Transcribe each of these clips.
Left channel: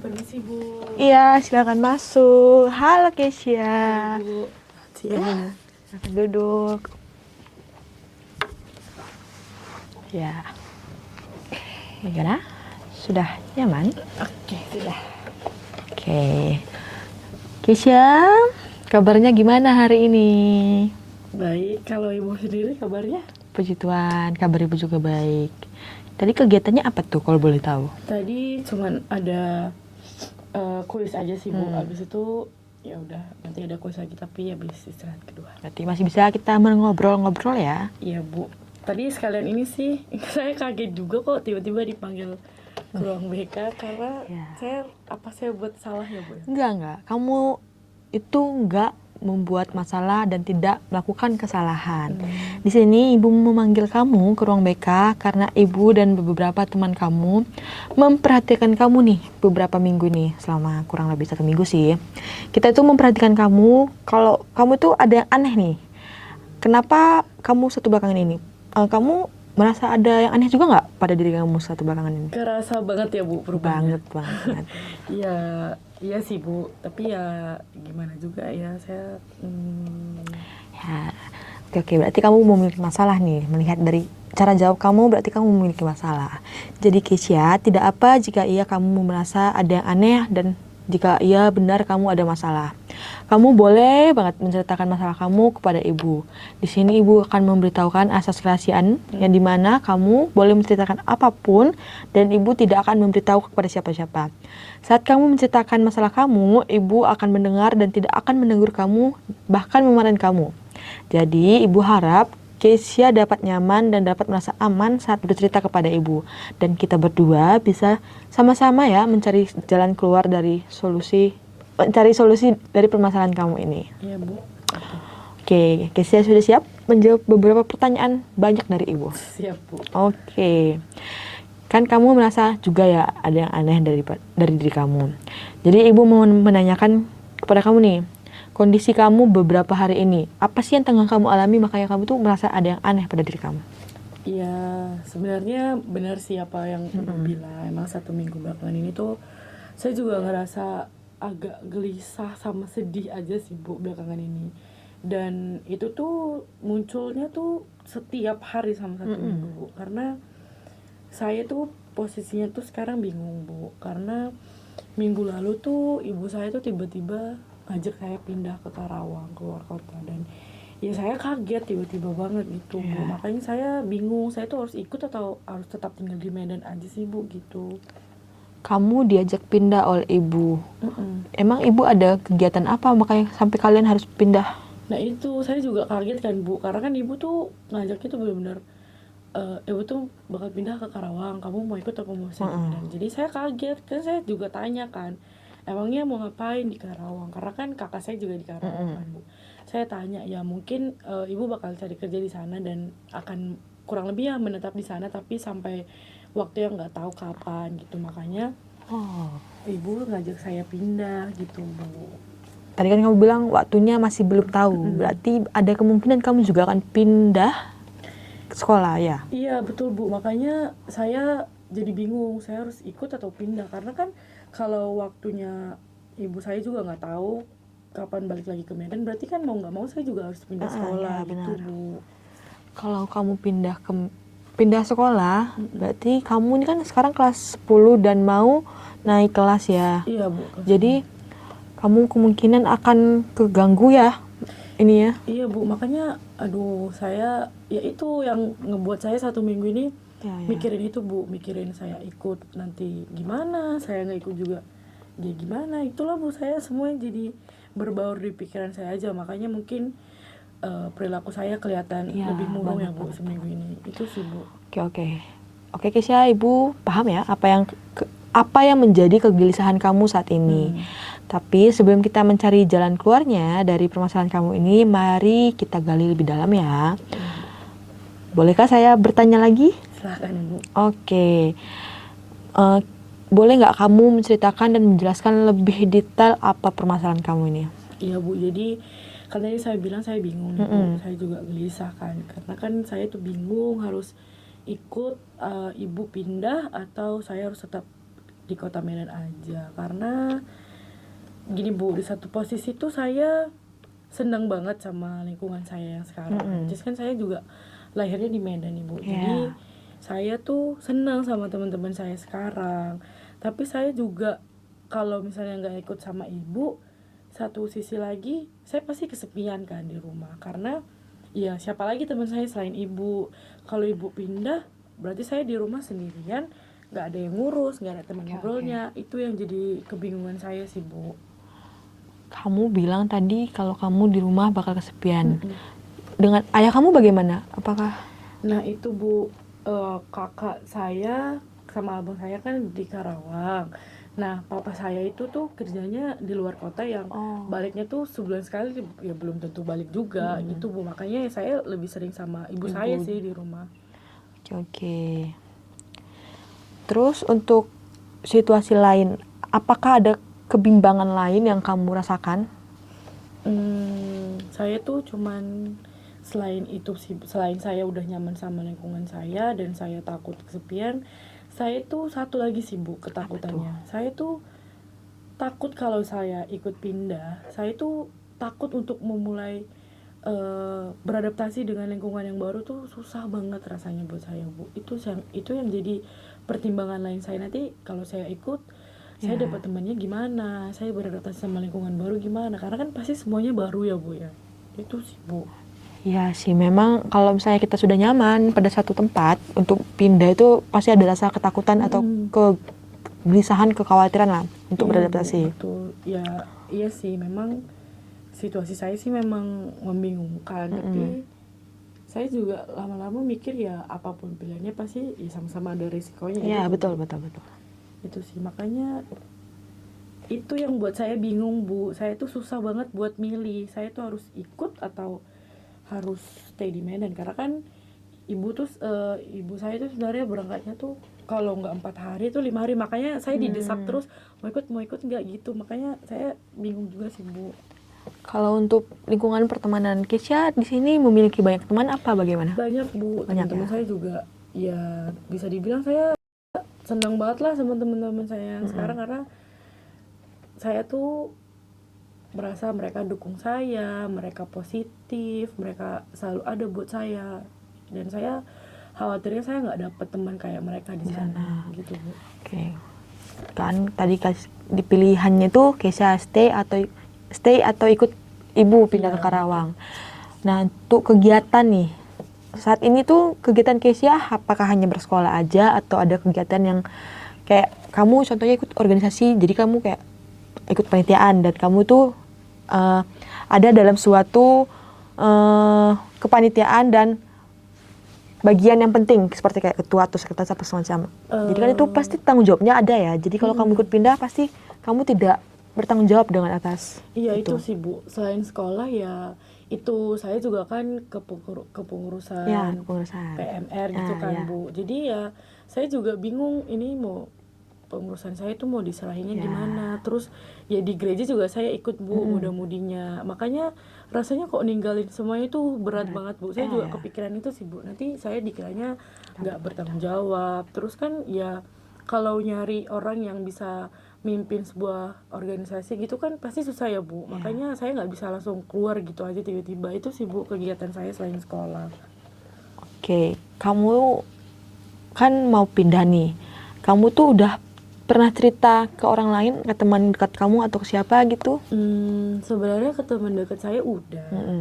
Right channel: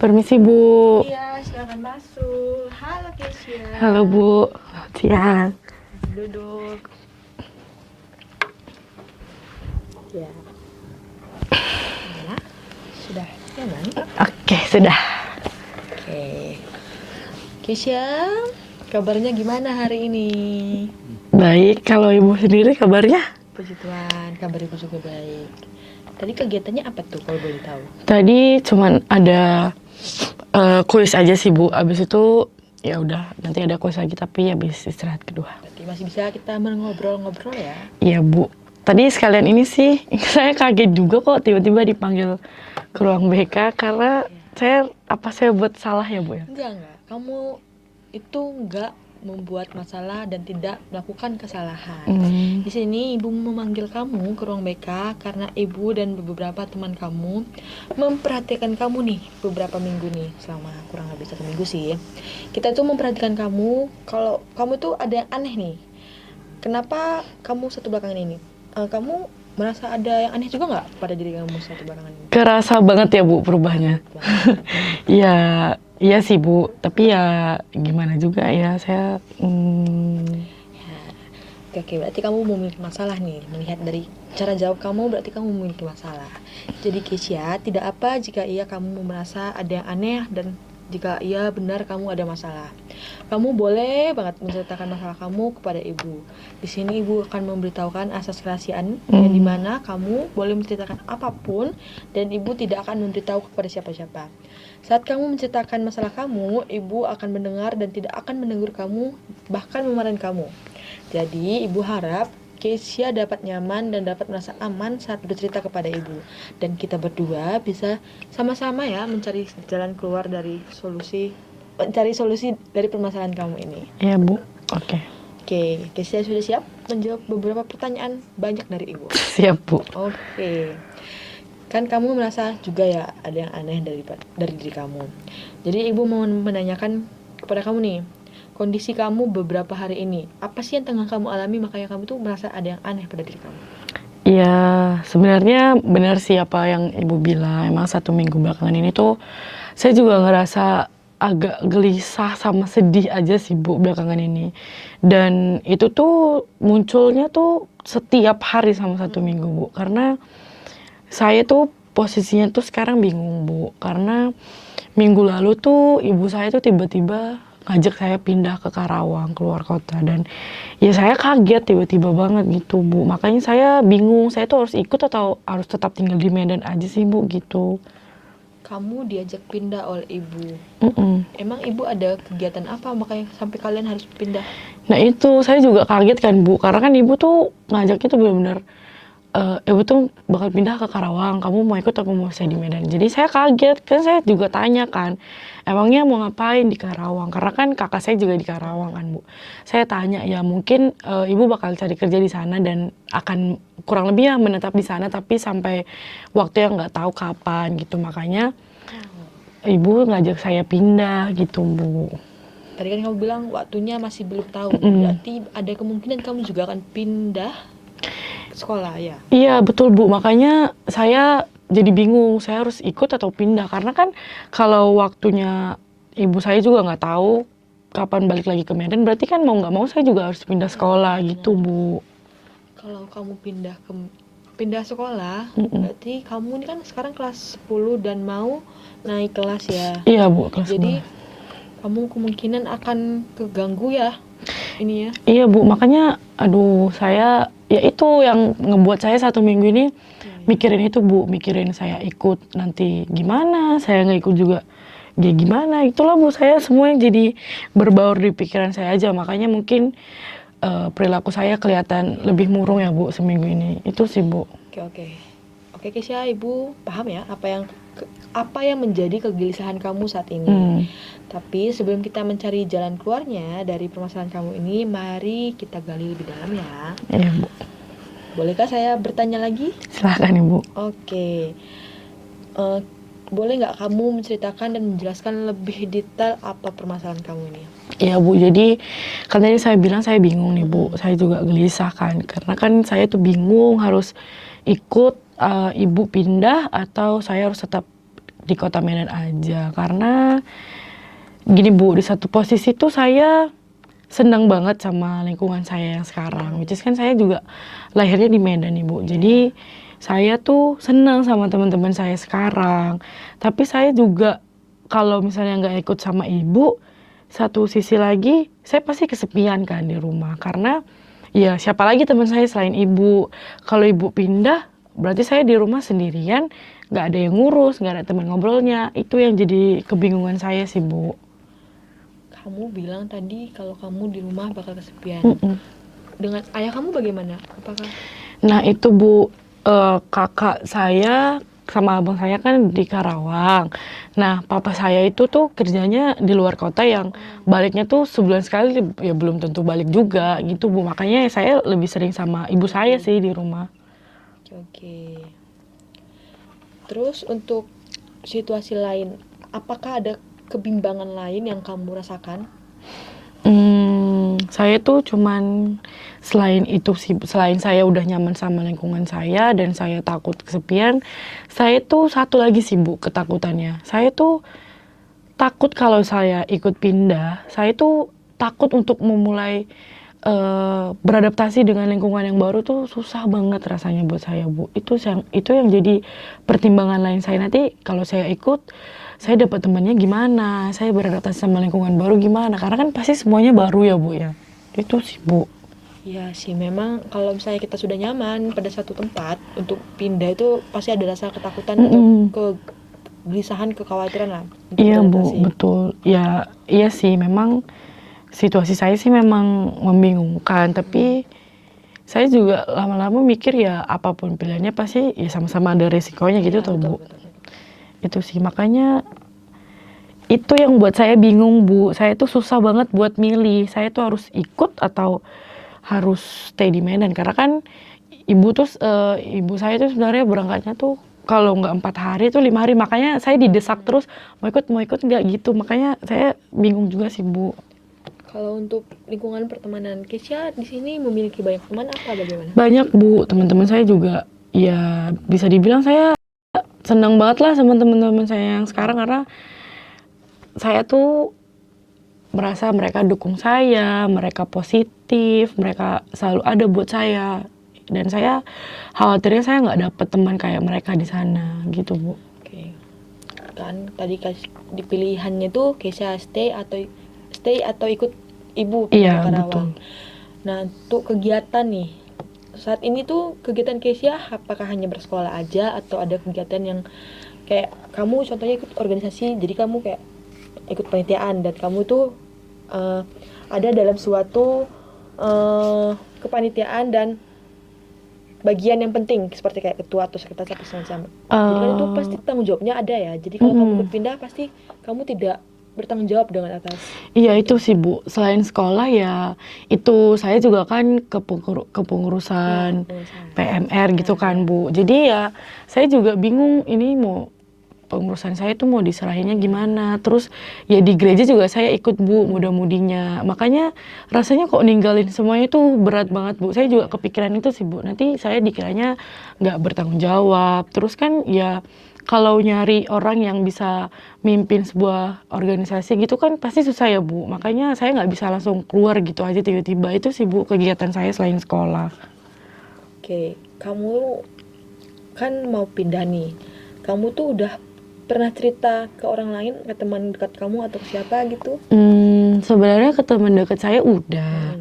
Permisi Bu. Iya, silakan masuk. Halo Kesia. Halo Bu. Siang. Duduk. Ya. Gimana? Sudah nyaman? Oke, sudah. Oke. Kesia, kabarnya gimana hari ini? Baik, kalau Ibu sendiri kabarnya? Puji Tuhan, kabar ibu juga baik. Tadi kegiatannya apa tuh kalau boleh tahu? Tadi cuman ada kuis aja sih Bu. Abis itu ya udah nanti ada kuis lagi tapi habis istirahat kedua. Berarti masih bisa kita ngobrol-ngobrol ya? Iya Bu. Tadi sekalian ini sih saya kaget juga kok tiba-tiba dipanggil ke ruang BK karena Ya. saya buat salah ya Bu ya? Enggak. Kamu itu enggak membuat masalah dan tidak melakukan kesalahan. Di sini ibu memanggil kamu ke ruang BK karena ibu dan beberapa teman kamu memperhatikan kamu nih beberapa minggu nih, selama kurang lebih 1 minggu sih. Kita itu memperhatikan kamu kalau kamu tuh ada yang aneh nih. Kenapa kamu satu belakangan ini? Kamu merasa ada yang aneh juga nggak pada diri kamu satu belakangan ini? Kerasa banget ya Bu perubahannya. Banget. Iya, iya sih Bu. Tapi ya gimana juga ya saya. Ya, oke, berarti kamu memiliki masalah nih. Melihat dari cara jawab kamu, berarti kamu memiliki masalah. Jadi Kesia, tidak apa jika kamu merasa ada yang aneh dan jika benar kamu ada masalah. Kamu boleh banget menceritakan masalah kamu kepada ibu. Di sini ibu akan memberitahukan asas kerahasiaan yang dimana kamu boleh menceritakan apapun dan ibu tidak akan memberitahu kepada siapa-siapa. Saat kamu menceritakan masalah kamu, ibu akan mendengar dan tidak akan menegur kamu, bahkan memarahi kamu. Jadi, ibu harap Kesia dapat nyaman dan dapat merasa aman saat bercerita kepada ibu. Dan kita berdua bisa sama-sama ya mencari jalan keluar dari mencari solusi dari permasalahan kamu ini. Iya Bu. Oke. Oke, Kesia sudah siap menjawab beberapa pertanyaan banyak dari ibu? Siap Bu. Oke. Kan kamu merasa juga ya ada yang aneh dari diri kamu. Jadi ibu mau menanyakan kepada kamu nih, kondisi kamu beberapa hari ini, apa sih yang tengah kamu alami makanya kamu tuh merasa ada yang aneh pada diri kamu? Iya, sebenarnya benar sih apa yang Ibu bilang. Emang 1 minggu belakangan ini tuh saya juga ngerasa agak gelisah sama sedih aja sih Bu belakangan ini. Dan itu tuh munculnya tuh setiap hari sama 1 minggu Bu. Karena saya tuh posisinya tuh sekarang bingung Bu. Karena minggu lalu tuh ibu saya tuh tiba-tiba ngajak saya pindah ke Karawang, keluar kota. Dan ya saya kaget tiba-tiba banget gitu Bu. Makanya saya bingung, saya tuh harus ikut atau harus tetap tinggal di Medan aja sih Bu gitu. Kamu diajak pindah oleh ibu. Emang ibu ada kegiatan apa makanya sampai kalian harus pindah? Nah itu saya juga kaget kan Bu, karena kan ibu tuh ngajaknya tuh benar-benar ibu tuh bakal pindah ke Karawang, kamu mau ikut atau mau stay di Medan. Jadi saya kaget, kan saya juga tanya kan, emangnya mau ngapain di Karawang? Karena kan kakak saya juga di Karawang kan Bu. Saya tanya, ya mungkin ibu bakal cari kerja di sana dan akan kurang lebih ya menetap di sana, tapi sampai waktu yang nggak tahu kapan gitu. Makanya ibu ngajak saya pindah gitu Bu. Tadi kan kamu bilang waktunya masih belum tahu. Berarti ada kemungkinan kamu juga akan pindah sekolah ya? Iya betul Bu, makanya saya jadi bingung, saya harus ikut atau pindah. Karena kan kalau waktunya ibu saya juga nggak tahu kapan balik lagi ke Medan, berarti kan mau nggak mau saya juga harus pindah sekolah gitu Bu. Kalau kamu pindah sekolah, berarti kamu ini kan sekarang kelas 10 dan mau naik kelas ya. Iya Bu, kelas Jadi kamu kemungkinan akan keganggu ya ini ya. iya Bu, makanya aduh saya ya itu yang ngebuat saya 1 minggu ini mikirin itu Bu, mikirin saya ikut nanti gimana, saya nggak ikut juga ya gimana. Itulah Bu, saya semua yang jadi berbaur di pikiran saya aja, makanya mungkin perilaku saya kelihatan lebih murung ya Bu seminggu ini. Itu sih Bu. Oke Kesia, ibu paham ya apa yang menjadi kegelisahan kamu saat ini. Tapi sebelum kita mencari jalan keluarnya dari permasalahan kamu ini, mari kita gali lebih dalam ya. Iya Bu. Bolehkah saya bertanya lagi? Silahkan Ibu. Oke. Boleh nggak kamu menceritakan dan menjelaskan lebih detail apa permasalahan kamu ini? Iya Bu, jadi kan tadi saya bilang saya bingung nih Bu, saya juga gelisah kan, karena kan saya tuh bingung harus ikut ibu pindah atau saya harus tetap di kota Medan aja. Karena gini Bu, di satu posisi tuh saya senang banget sama lingkungan saya yang sekarang. Which is kan saya juga lahirnya di Medan nih Bu. Jadi saya tuh senang sama teman-teman saya sekarang. Tapi saya juga kalau misalnya nggak ikut sama ibu, satu sisi lagi saya pasti kesepian kan di rumah. Karena ya siapa lagi teman saya selain ibu. Kalau ibu pindah, berarti saya di rumah sendirian, nggak ada yang ngurus, nggak ada teman ngobrolnya. Itu yang jadi kebingungan saya sih Bu. Kamu bilang tadi kalau kamu di rumah bakal kesepian. Dengan ayah kamu bagaimana? Apakah Nah itu Bu, kakak saya sama abang saya kan di Karawang. Nah papa saya itu tuh kerjanya di luar kota yang baliknya tuh sebulan sekali, ya belum tentu balik juga gitu Bu. Makanya saya lebih sering sama ibu saya sih di rumah. oke. Terus untuk situasi lain, apakah ada kebimbangan lain yang kamu rasakan? Saya tuh cuman selain itu sih, selain saya udah nyaman sama lingkungan saya dan saya takut kesepian, saya tuh satu lagi sih Bu ketakutannya. Saya tuh takut kalau saya ikut pindah, saya tuh takut untuk memulai beradaptasi dengan lingkungan yang baru tuh susah banget rasanya buat saya Bu. Itu yang jadi pertimbangan lain saya nanti kalau saya ikut, saya dapat temannya gimana, saya beradaptasi sama lingkungan baru gimana, karena kan pasti semuanya baru ya Bu ya. Itu sih Bu. Ya sih, memang kalau misalnya kita sudah nyaman pada satu tempat, untuk pindah itu pasti ada rasa ketakutan atau kegelisahan, kekhawatiran lah untuk Iya Bu, beradaptasi. betul. Ya, iya sih memang situasi saya sih memang membingungkan, tapi saya juga lama-lama mikir ya apapun pilihannya pasti ya sama-sama ada resikonya gitu Iya, tuh betul, Bu. betul, betul. Itu sih makanya itu yang buat saya bingung Bu. Saya tuh susah banget buat milih. Saya tuh harus ikut atau harus stay di Medan karena kan ibu saya tuh sebenarnya berangkatnya tuh kalau nggak 4 hari tuh 5 hari, makanya saya didesak terus mau ikut nggak gitu, makanya saya bingung juga sih Bu. Kalau untuk lingkungan pertemanan, Kesha di sini memiliki banyak teman apa bagaimana? Banyak Bu, teman-teman saya juga ya bisa dibilang saya senang banget lah sama teman-teman saya yang sekarang karena saya tuh merasa mereka dukung saya, mereka positif, mereka selalu ada buat saya. Dan saya khawatirnya saya nggak dapet teman kayak mereka di sana gitu Bu. Oke. Kan tadi di pilihannya tuh Kesha stay atau ikut ibu pindah Iya, ke Karawang. Nah, untuk kegiatan nih, saat ini tuh kegiatan Kesha apakah hanya bersekolah aja atau ada kegiatan yang kayak kamu contohnya ikut organisasi, jadi kamu kayak ikut panitiaan dan kamu tuh ada dalam suatu kepanitiaan dan bagian yang penting seperti kayak ketua atau sekretaris apa semacam. Jadi kan itu pasti tanggung jawabnya ada ya. Jadi kalau kamu ikut pindah pasti kamu tidak bertanggung jawab dengan atas. Iya itu sih Bu, selain sekolah ya itu saya juga kan kepengurusan pengurusan. PMR gitu kan Bu. Jadi ya saya juga bingung ini mau pengurusan saya tuh mau diserahinnya gimana. Terus ya di gereja juga saya ikut Bu muda-mudinya. Makanya rasanya kok ninggalin semuanya tuh berat banget Bu. Saya juga kepikiran itu sih Bu. Nanti saya dikiranya nggak bertanggung jawab. Terus kan ya kalau nyari orang yang bisa mimpin sebuah organisasi gitu kan pasti susah ya Bu. Makanya saya nggak bisa langsung keluar gitu aja tiba-tiba. Itu sih Bu kegiatan saya selain sekolah. Oke, kamu kan mau pindah nih. Kamu tuh udah pernah cerita ke orang lain, ke teman dekat kamu atau ke siapa gitu? Sebenarnya ke teman dekat saya udah.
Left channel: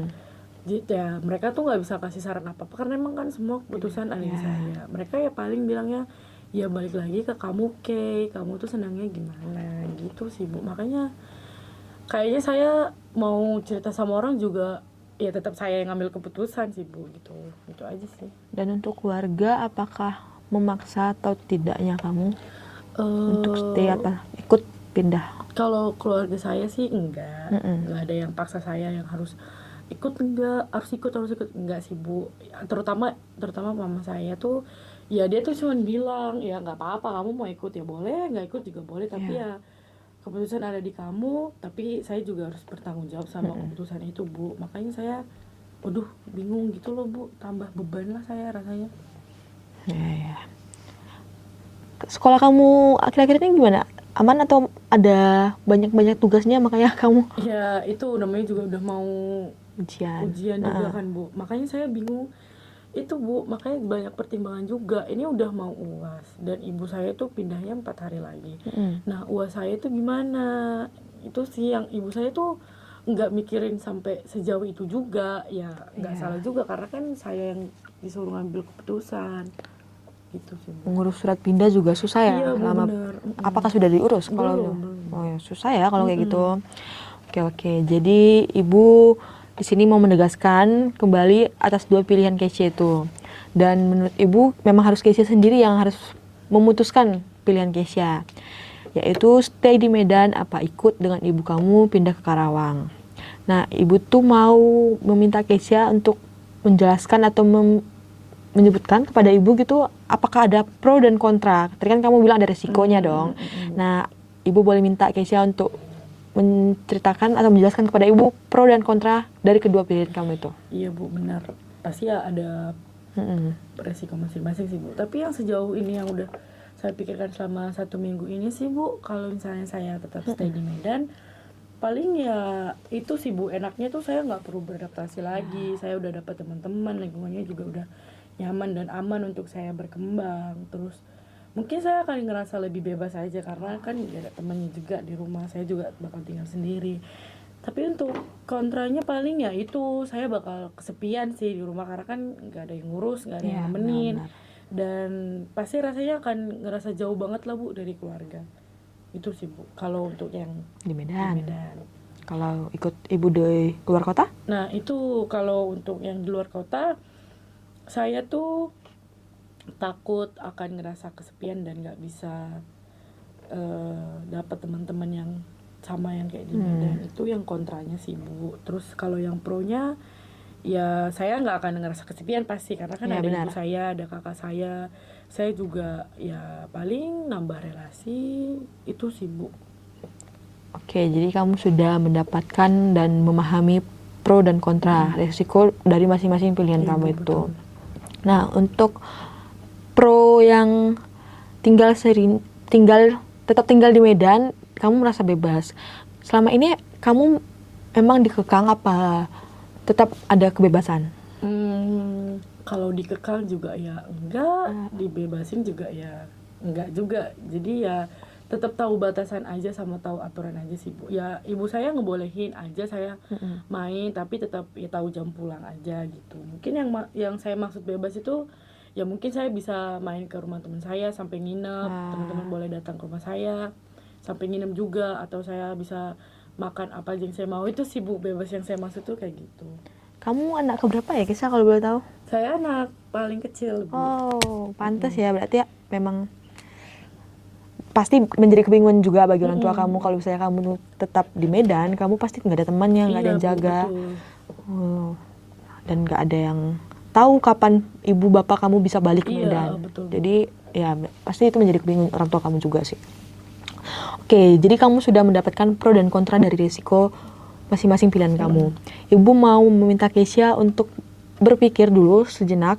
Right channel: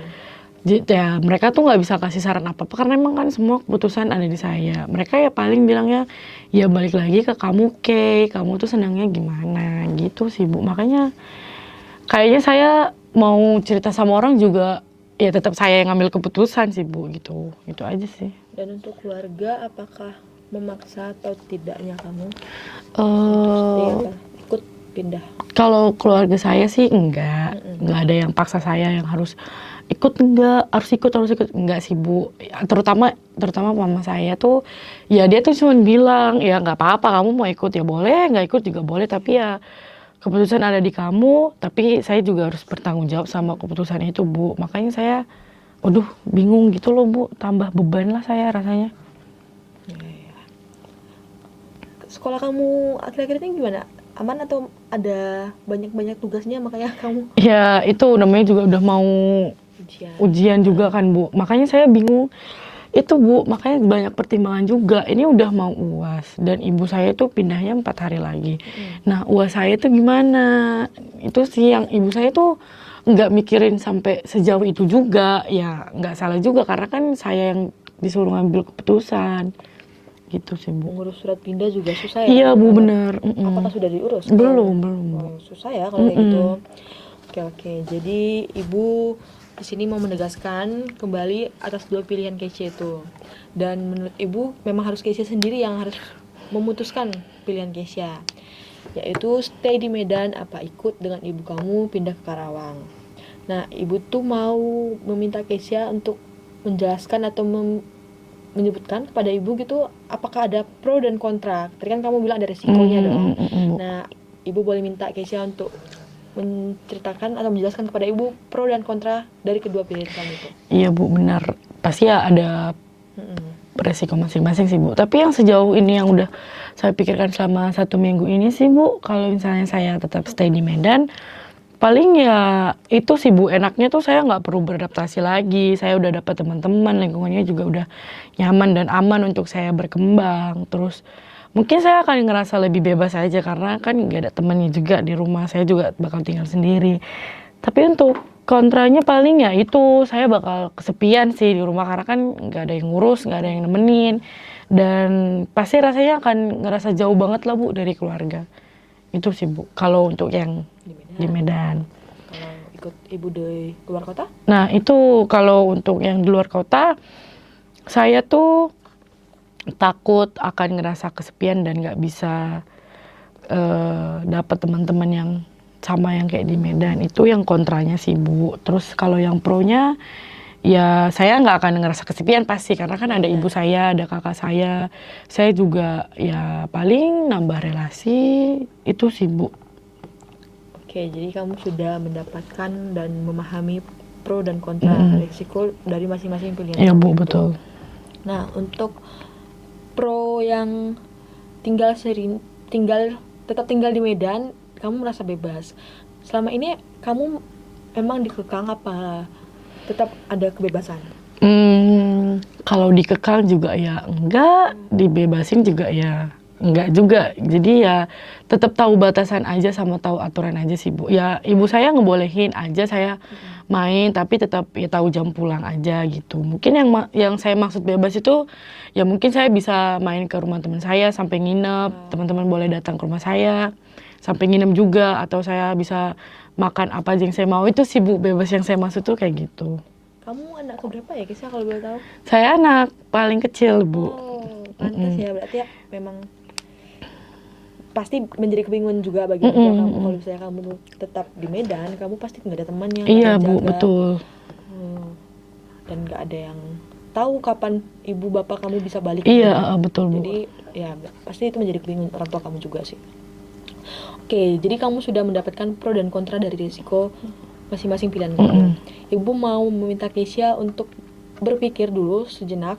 Ya mereka tuh nggak bisa kasih saran apa-apa karena emang kan semua keputusan ada di saya. Mereka ya paling bilangnya ya balik lagi ke kamu Kay, kamu tuh senangnya gimana gitu sih Bu. Makanya kayaknya saya mau cerita sama orang juga ya tetap saya yang ngambil keputusan sih Bu gitu. Itu aja sih. Dan untuk keluarga, apakah memaksa atau tidaknya kamu untuk stay atau ikut pindah? Kalau keluarga saya sih enggak ada yang paksa saya yang harus ikut harus ikut enggak sih Bu. Terutama mama saya tuh ya dia tuh cuma bilang ya nggak apa-apa kamu mau ikut ya boleh, nggak ikut juga boleh tapi ya keputusan ada di kamu, tapi saya juga harus bertanggung jawab sama keputusan itu Bu. Makanya saya waduh bingung gitu loh Bu, tambah beban lah saya rasanya. Ya. Sekolah kamu akhir-akhir ini gimana? Aman atau ada banyak-banyak tugasnya makanya kamu Ya itu namanya juga udah mau ujian juga Nah, kan Bu. Makanya saya bingung. Itu Bu, makanya banyak pertimbangan juga. Ini udah mau UAS dan ibu saya itu pindahnya 4 hari lagi. Nah, UAS saya itu gimana? Itu sih yang ibu saya tuh nggak mikirin sampai sejauh itu juga. Ya nggak salah juga karena kan saya yang disuruh ngambil keputusan. Gitu sih Bu. mengurus surat pindah juga susah ya? Iya Bu, Lama. bener. Apakah sudah diurus? Belum, Kalau- belum. Oh, ya, susah ya kalau kayak gitu. Oke. Jadi ibu di sini mau menegaskan kembali atas dua pilihan Keisha itu. Dan menurut ibu memang harus Keisha sendiri yang harus memutuskan pilihan Keisha. Yaitu stay di Medan apa ikut dengan ibu kamu pindah ke Karawang. Nah, ibu tuh mau meminta Keisha untuk menjelaskan atau menyebutkan kepada ibu gitu apakah ada pro dan kontra. Tadi kan kamu bilang ada resikonya dong. Nah, ibu boleh minta Keisha untuk menceritakan atau menjelaskan kepada ibu pro dan kontra dari kedua pilihan kamu itu. Iya Bu, benar. Pasti ya ada resiko masing-masing sih Bu. Tapi yang sejauh ini yang udah saya pikirkan selama 1 minggu ini sih Bu, kalau misalnya saya tetap stay di Medan, paling ya itu sih Bu, enaknya tuh saya nggak perlu beradaptasi lagi. Saya udah dapat teman-teman, lingkungannya juga udah nyaman dan aman untuk saya berkembang. Terus mungkin saya akan ngerasa lebih bebas aja karena kan nggak ada temannya juga di rumah. Saya juga bakal tinggal sendiri. Tapi untuk kontranya paling ya itu saya bakal kesepian sih di rumah karena kan nggak ada yang ngurus, nggak ada yang nemenin. Dan pasti rasanya akan ngerasa jauh banget lah Bu dari keluarga. Itu sih Bu, kalau untuk yang Di Medan. di Medan. Kalau ikut ibu di luar kota? Nah itu kalau untuk yang di luar kota, saya tuh takut akan ngerasa kesepian dan nggak bisa dapat teman-teman yang sama yang kayak di Medan. Itu yang kontranya sih Bu. Terus kalau yang pronya, ya saya nggak akan ngerasa kesepian pasti karena kan ada ibu saya, ada kakak saya juga ya paling nambah relasi itu sih Bu. Oke, jadi kamu sudah mendapatkan dan memahami pro dan kontra risiko dari masing-masing pilihan Iya kamu Bu, itu. betul. Nah, untuk pro yang tetap tinggal di Medan, kamu merasa bebas. Selama ini kamu memang dikekang apa tetap ada kebebasan? Kalau dikekang juga ya enggak, dibebasin juga ya enggak juga. Jadi ya tetap tahu batasan aja sama tahu aturan aja sih Bu. Ya ibu saya ngebolehin aja saya main tapi tetap ya tahu jam pulang aja gitu. Mungkin yang saya maksud bebas itu ya mungkin saya bisa main ke rumah teman saya sampai nginep, teman-teman boleh datang ke rumah saya sampai nginep juga atau saya bisa makan apa aja yang saya mau. Itu sih Bu, bebas yang saya maksud tuh kayak gitu. Kamu anak keberapa ya, Kisah kalau boleh tahu? Saya anak paling kecil Bu. Oh, pantas ya, berarti ya memang pasti menjadi kebingungan juga bagi orang tua kamu kalau misalnya kamu tetap di Medan, kamu pasti nggak ada temannya, nggak ada Iya yang Bu, jaga. betul. Dan nggak ada yang tahu kapan ibu bapak kamu bisa balik ke Iya, Medan. betul Bu. Jadi ya pasti itu menjadi kebingungan orang tua kamu juga sih. Oke, jadi kamu sudah mendapatkan pro dan kontra dari risiko masing-masing pilihan kamu. Ibu mau meminta Keisha untuk berpikir dulu sejenak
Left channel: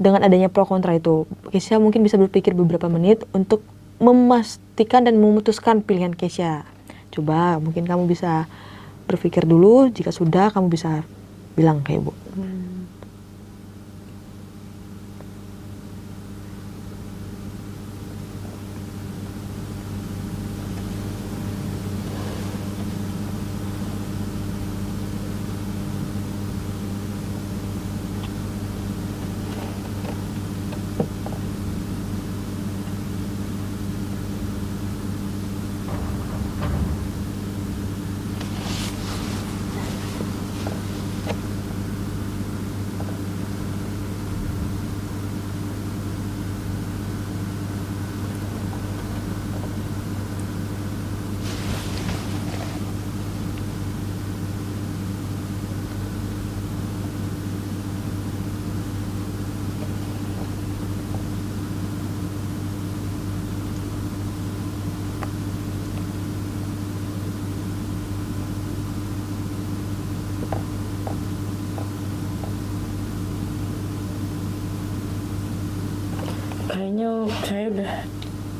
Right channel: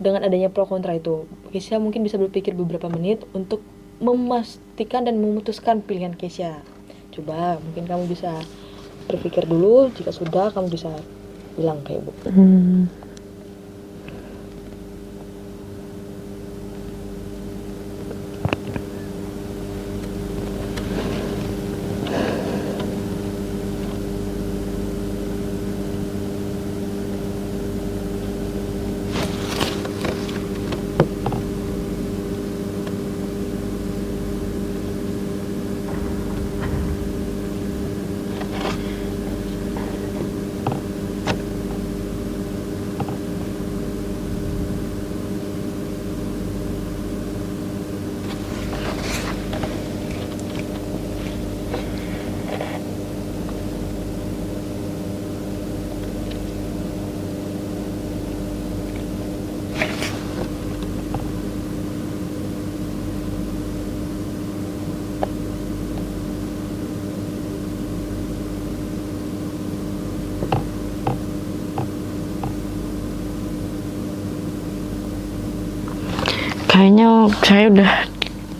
dengan adanya pro kontra itu. Keisha mungkin bisa berpikir beberapa menit untuk memastikan dan memutuskan pilihan Keisha. Coba mungkin kamu bisa berpikir dulu, jika sudah kamu bisa bilang ke ibu. Kayaknya saya udah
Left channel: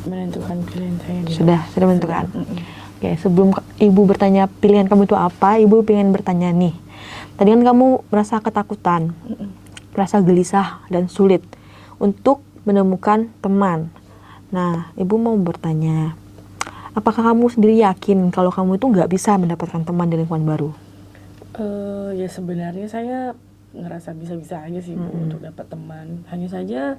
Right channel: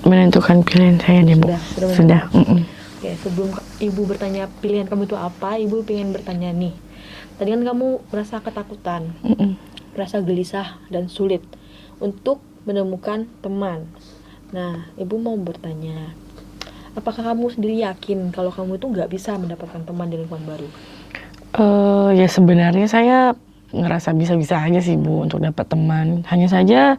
menentukan pilihan saya deh, Bu. Sudah menentukan. Oke, sebelum Ibu bertanya pilihan kamu itu apa, Ibu pengen bertanya nih. Tadi kan kamu merasa ketakutan, merasa gelisah dan sulit untuk menemukan teman. Nah, Ibu mau bertanya, apakah kamu sendiri yakin kalau kamu itu nggak bisa mendapatkan teman di lingkungan baru? Ya sebenarnya saya ngerasa bisa-bisa aja sih, Bu, untuk dapat teman. Hanya saja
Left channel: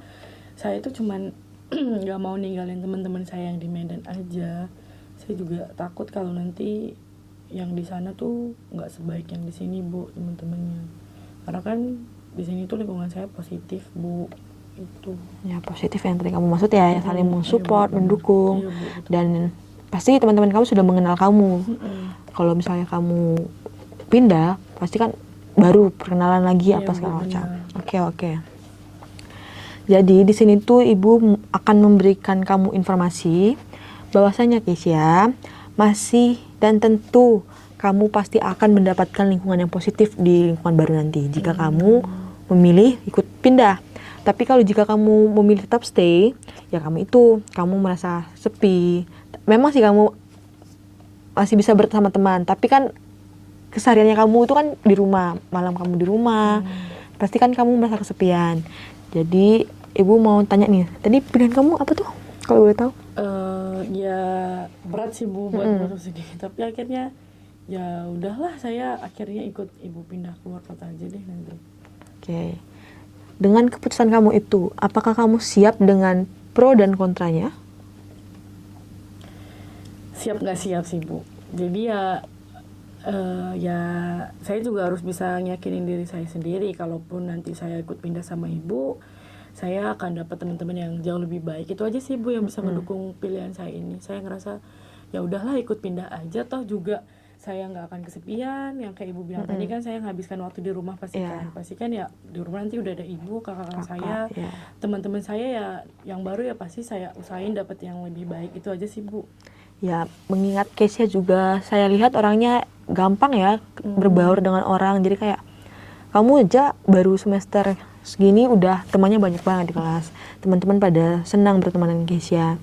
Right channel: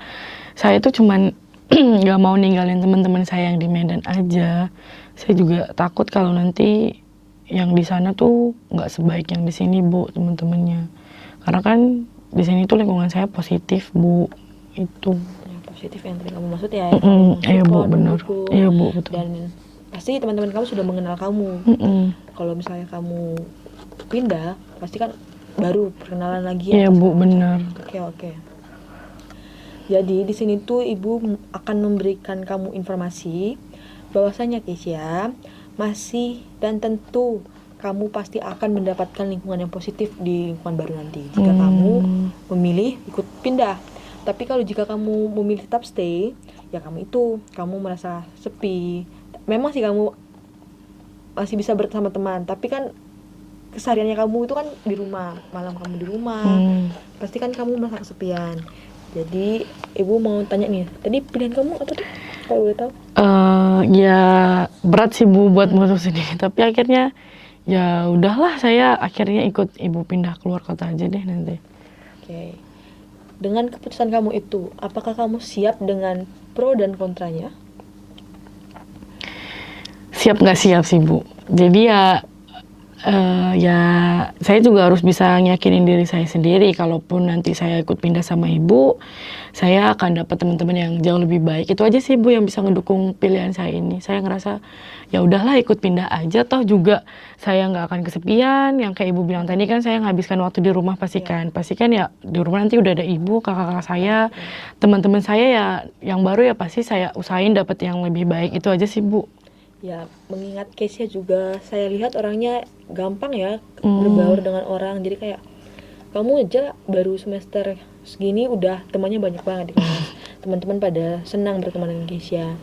saya tuh cuman nggak mau ninggalin teman-teman saya yang di Medan aja. Saya juga takut kalau nanti yang di sana tuh nggak sebaik yang di sini, Bu, teman-temannya. Karena kan di sini tuh lingkungan saya positif, Bu. Itu. Ya, positif yang tadi kamu maksud ya, saling Iya, Bu, support, benar. mendukung. Iya, Bu, betul. Dan pasti teman-teman kamu sudah mengenal kamu. Kalau misalnya kamu pindah, pasti kan baru perkenalan lagi Iya, apa Bu, segala macam. benar. Oke. Jadi di sini tuh Ibu akan memberikan kamu informasi bahwasanya Keisha masih dan tentu kamu pasti akan mendapatkan lingkungan yang positif di lingkungan baru nanti jika kamu memilih ikut pindah. Tapi kalau jika kamu memilih tetap stay, ya kamu merasa sepi. Memang sih kamu masih bisa bersama teman, tapi kan kesehariannya kamu itu kan di rumah, malam kamu di rumah, pasti kan kamu merasa kesepian. Jadi Ibu mau tanya nih, tadi pilihan kamu apa tuh kalau boleh tahu? Ya berat sih, Bu, buat mutusin ini. Tapi akhirnya ya udahlah, saya akhirnya ikut Ibu pindah keluar kota aja deh nanti. Oke. Dengan keputusan kamu itu, apakah kamu siap dengan pro dan kontranya? Siap nggak siap sih, Bu. Jadi ya saya juga harus bisa nyakinin diri saya sendiri. Kalaupun nanti saya ikut pindah sama Ibu, saya akan dapat teman-teman yang jauh lebih baik. Itu aja sih, Bu, yang bisa ngedukung pilihan saya ini. Saya ngerasa ya udahlah, ikut pindah aja, toh juga saya nggak akan kesepian. Yang kayak Ibu bilang tadi kan, saya nghabiskan waktu di rumah pastikan ya di rumah nanti udah ada Ibu, kakak-kakak saya, teman-teman saya ya yang baru ya pasti saya usahain dapat yang lebih baik. Itu aja sih, Bu. Ya, mengingat Keisha juga saya lihat orangnya gampang ya berbaur dengan orang. Jadi kayak kamu aja baru semester segini udah temannya banyak banget di kelas. Teman-teman pada senang berteman dengan Keisha.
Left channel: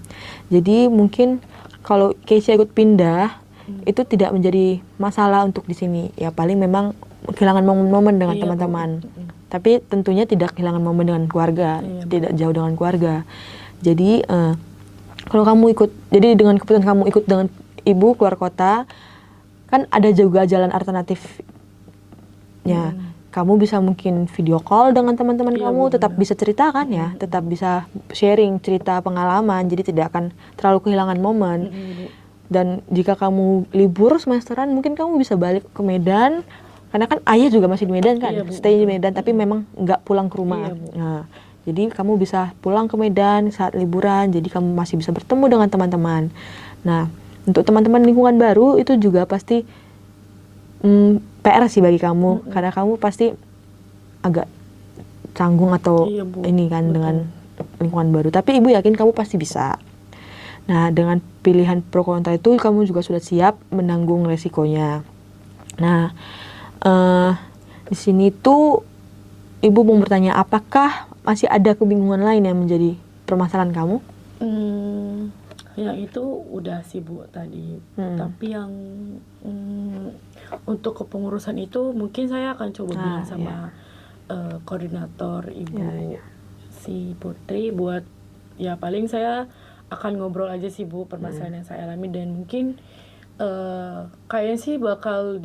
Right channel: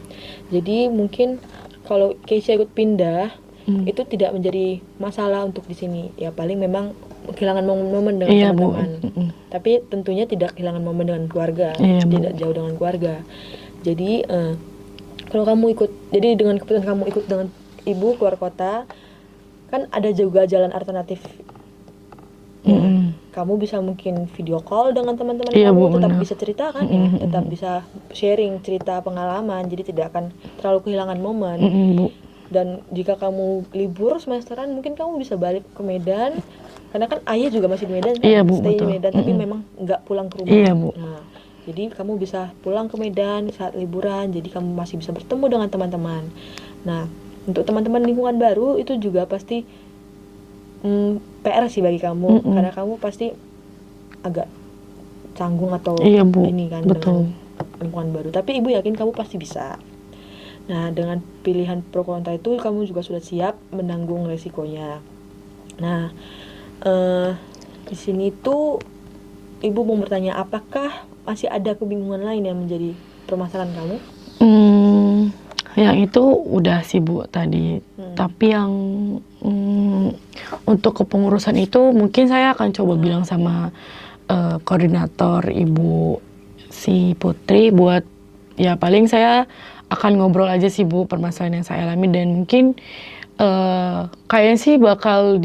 Jadi mungkin kalau Keisha ikut pindah itu tidak menjadi masalah untuk di sini. Ya paling memang kehilangan momen-momen dengan Iya, teman-teman. Bu. Tapi tentunya tidak kehilangan momen dengan keluarga, Iya, Bu. tidak jauh dengan keluarga. Jadi kalau kamu jadi dengan keputusan kamu ikut dengan Ibu keluar kota, kan ada juga jalan alternatif. Ya, kamu bisa mungkin video call dengan teman-teman Iya, kamu, Bu, tetap benar. bisa cerita kan ya, tetap bisa sharing cerita pengalaman, jadi tidak akan terlalu kehilangan momen. Bu. Dan jika kamu libur semesteran, mungkin kamu bisa balik ke Medan, karena kan ayah juga masih di Medan kan, Iya, Bu, stay di betul. Medan, tapi memang nggak pulang ke rumah. Iya, Bu. Nah, jadi kamu bisa pulang ke Medan saat liburan, jadi kamu masih bisa bertemu dengan teman-teman. Nah, untuk teman-teman lingkungan baru itu juga pasti PR sih bagi kamu, karena kamu pasti agak canggung atau Iya, Bu. ini kan Betul. dengan lingkungan baru. Tapi Ibu yakin kamu pasti bisa. Nah, dengan pilihan pro kontra itu kamu juga sudah siap menanggung resikonya. Nah, di sini tuh Ibu mau bertanya, apakah masih ada kebingungan lain yang menjadi permasalahan kamu? Yang itu udah sih, Bu, tadi. Tapi yang untuk kepengurusan itu mungkin saya akan coba bilang sama koordinator Ibu si Putri buat ya paling saya akan ngobrol aja sih, Bu, permasalahan yang saya alami, dan mungkin kayaknya sih bakal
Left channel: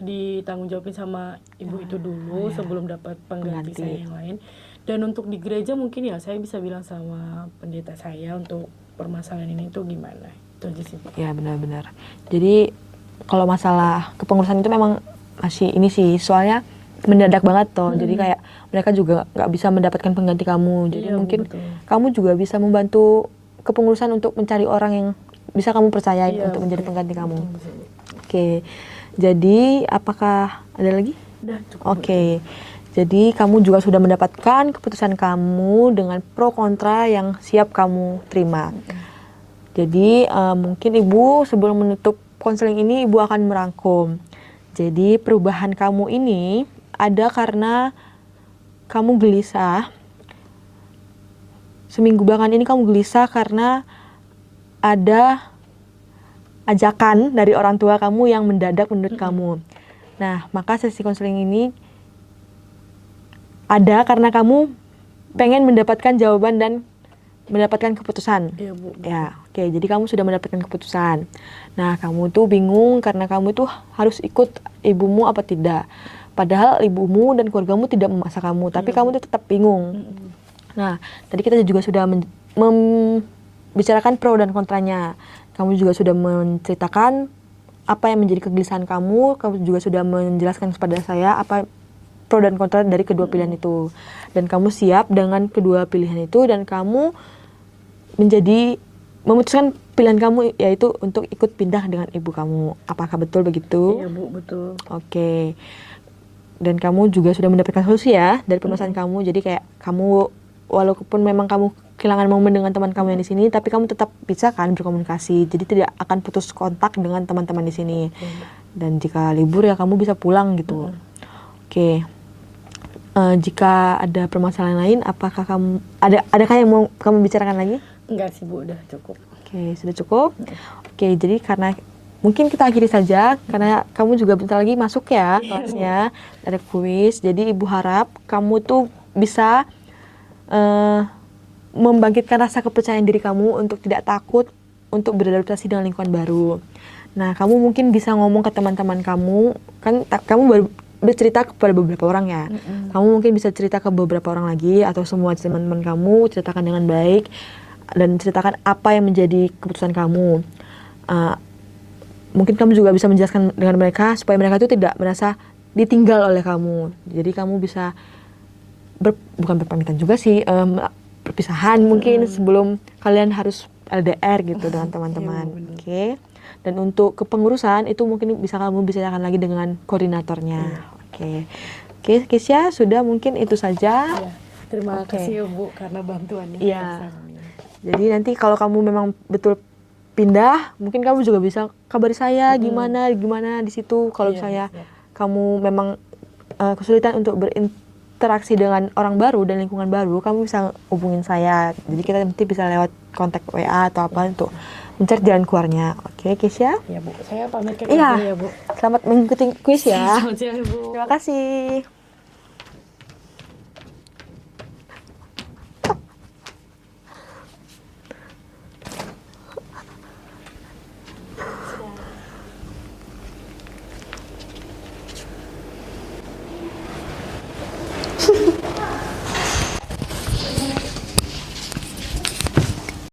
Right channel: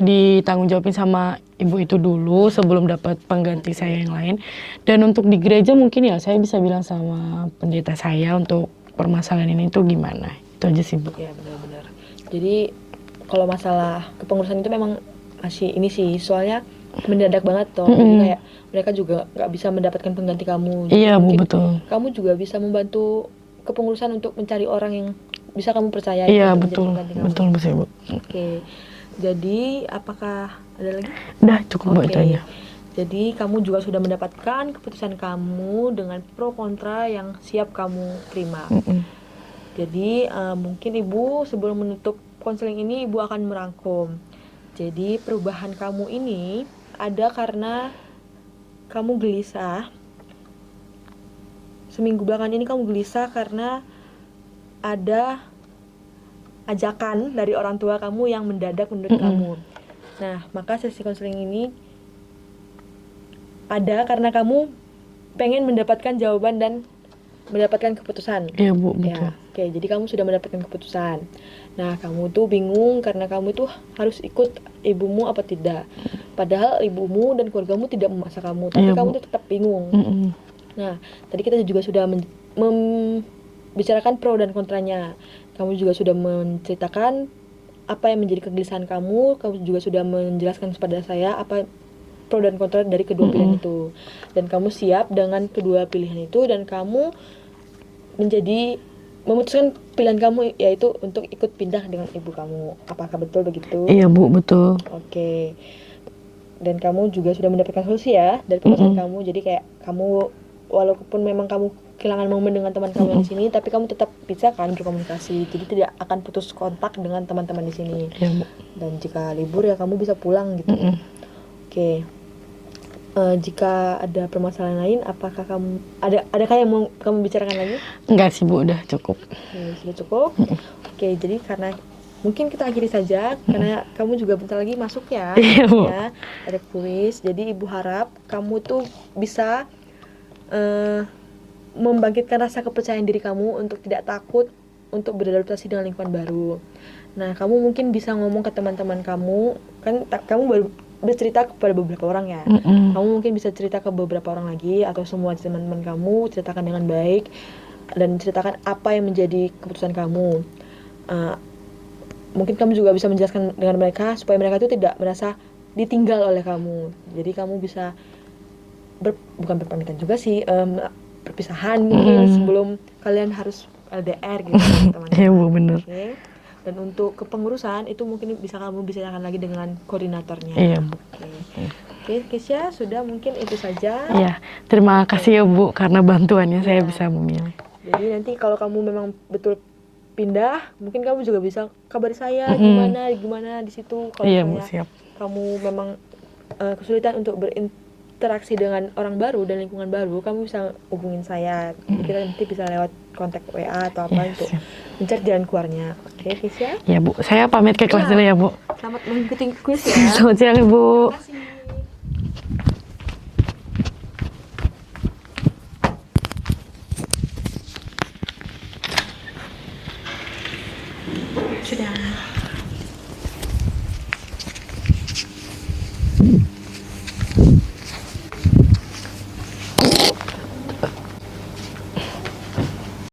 ditanggung jawabin sama Ibu itu dulu sebelum dapat pengganti saya yang lain. Dan untuk di gereja mungkin ya saya bisa bilang sama pendeta saya untuk permasalahan ini tuh gimana. Itu aja sih, Bu. Ya, benar-benar. Jadi kalau masalah kepengurusan itu memang masih ini sih, soalnya mendadak banget tuh. Jadi kayak mereka juga nggak bisa mendapatkan pengganti kamu. Jadi Iya, Bu, mungkin betul. kamu juga bisa membantu kepengurusan untuk mencari orang yang bisa kamu percaya Iya, untuk betul. menjadi pengganti kamu. Betul, Bu, sih, Bu. Oke. Jadi apakah ada lagi? Udah cukup, Bu, itu aja. Jadi kamu juga sudah mendapatkan keputusan kamu dengan pro kontra yang siap kamu terima. Jadi mungkin Ibu sebelum menutup konseling ini Ibu akan merangkum. Jadi perubahan kamu ini ada karena kamu gelisah seminggu belakangan ini kamu gelisah karena ada ajakan dari orang tua kamu yang mendadak menurut kamu. Nah, maka sesi konseling ini ada karena kamu pengen mendapatkan jawaban dan mendapatkan keputusan. Iya Bu, betul. Ya, oke. Jadi kamu sudah mendapatkan keputusan. Nah, kamu tuh bingung karena kamu tuh harus ikut ibumu apa tidak. Padahal ibumu dan keluargamu tidak memaksa kamu, tapi Iya, kamu Bu. tuh tetap bingung. Nah, tadi kita juga sudah membicarakan pro dan kontranya. Kamu juga sudah menceritakan apa yang menjadi kegelisahan kamu juga sudah menjelaskan kepada saya apa pro dan kontra dari kedua pilihan itu. Dan kamu siap dengan kedua pilihan itu dan kamu memutuskan pilihan kamu yaitu untuk ikut pindah dengan ibu kamu. Apakah betul begitu? Iya Bu, betul. Oke. Dan kamu juga sudah mendapatkan solusi ya dari permasalahan kamu. Jadi kayak kamu walaupun memang kamu kehilangan momen dengan teman kamu yang di sini, tapi kamu tetap bisa kan berkomunikasi. Jadi tidak akan putus kontak dengan teman-teman di sini. Iya, Bu. Dan jika libur ya kamu bisa pulang gitu. Oke. Jika ada permasalahan lain, apakah kamu adakah yang mau kamu bicarakan lagi? Enggak sih Bu, udah cukup. Oke, sudah cukup. Oke, jadi karena mungkin kita akhiri saja karena kamu juga bentar lagi masuk ya, Iya, Bu. kelasnya. Ada kuis. Jadi Ibu harap kamu tuh bisa membangkitkan rasa kepercayaan diri kamu untuk tidak takut untuk beradaptasi dengan lingkungan baru. Nah, kamu mungkin bisa ngomong ke teman-teman kamu, kan kamu baru bercerita kepada beberapa orang ya. Kamu mungkin bisa cerita ke beberapa orang lagi atau semua teman-teman kamu, ceritakan dengan baik dan ceritakan apa yang menjadi keputusan kamu. Mungkin kamu juga bisa menjelaskan dengan mereka supaya mereka itu tidak merasa ditinggal oleh kamu. Jadi kamu bisa bukan berpamitan juga sih, perpisahan mungkin sebelum kalian harus LDR gitu kan teman-teman. Iya, Bu, bener. Oke. Dan untuk kepengurusan itu mungkin bisa kamu bicarakan lagi dengan koordinatornya. Iya, Bu. Oke, Kisya, sudah mungkin itu saja. Iya, terima kasih ya Bu karena bantuannya saya Iya. bisa memilih. Jadi nanti kalau kamu memang betul pindah, mungkin kamu juga bisa kabari saya gimana di situ. Kalau Iya, Bu, misalnya siap. kamu memang kesulitan untuk berinteraksi dengan orang baru dan lingkungan baru, kamu bisa hubungin saya. Jadi kita nanti bisa lewat kontak WA atau apa Iya, untuk siap. mencari jalan keluarnya. Oke, Kisya. Ya Bu, saya pamit ke kelas Iya. dulu ya Bu. Selamat mengikuti kuis ya. Selamat siang Terima Bu. kasih. Sudah.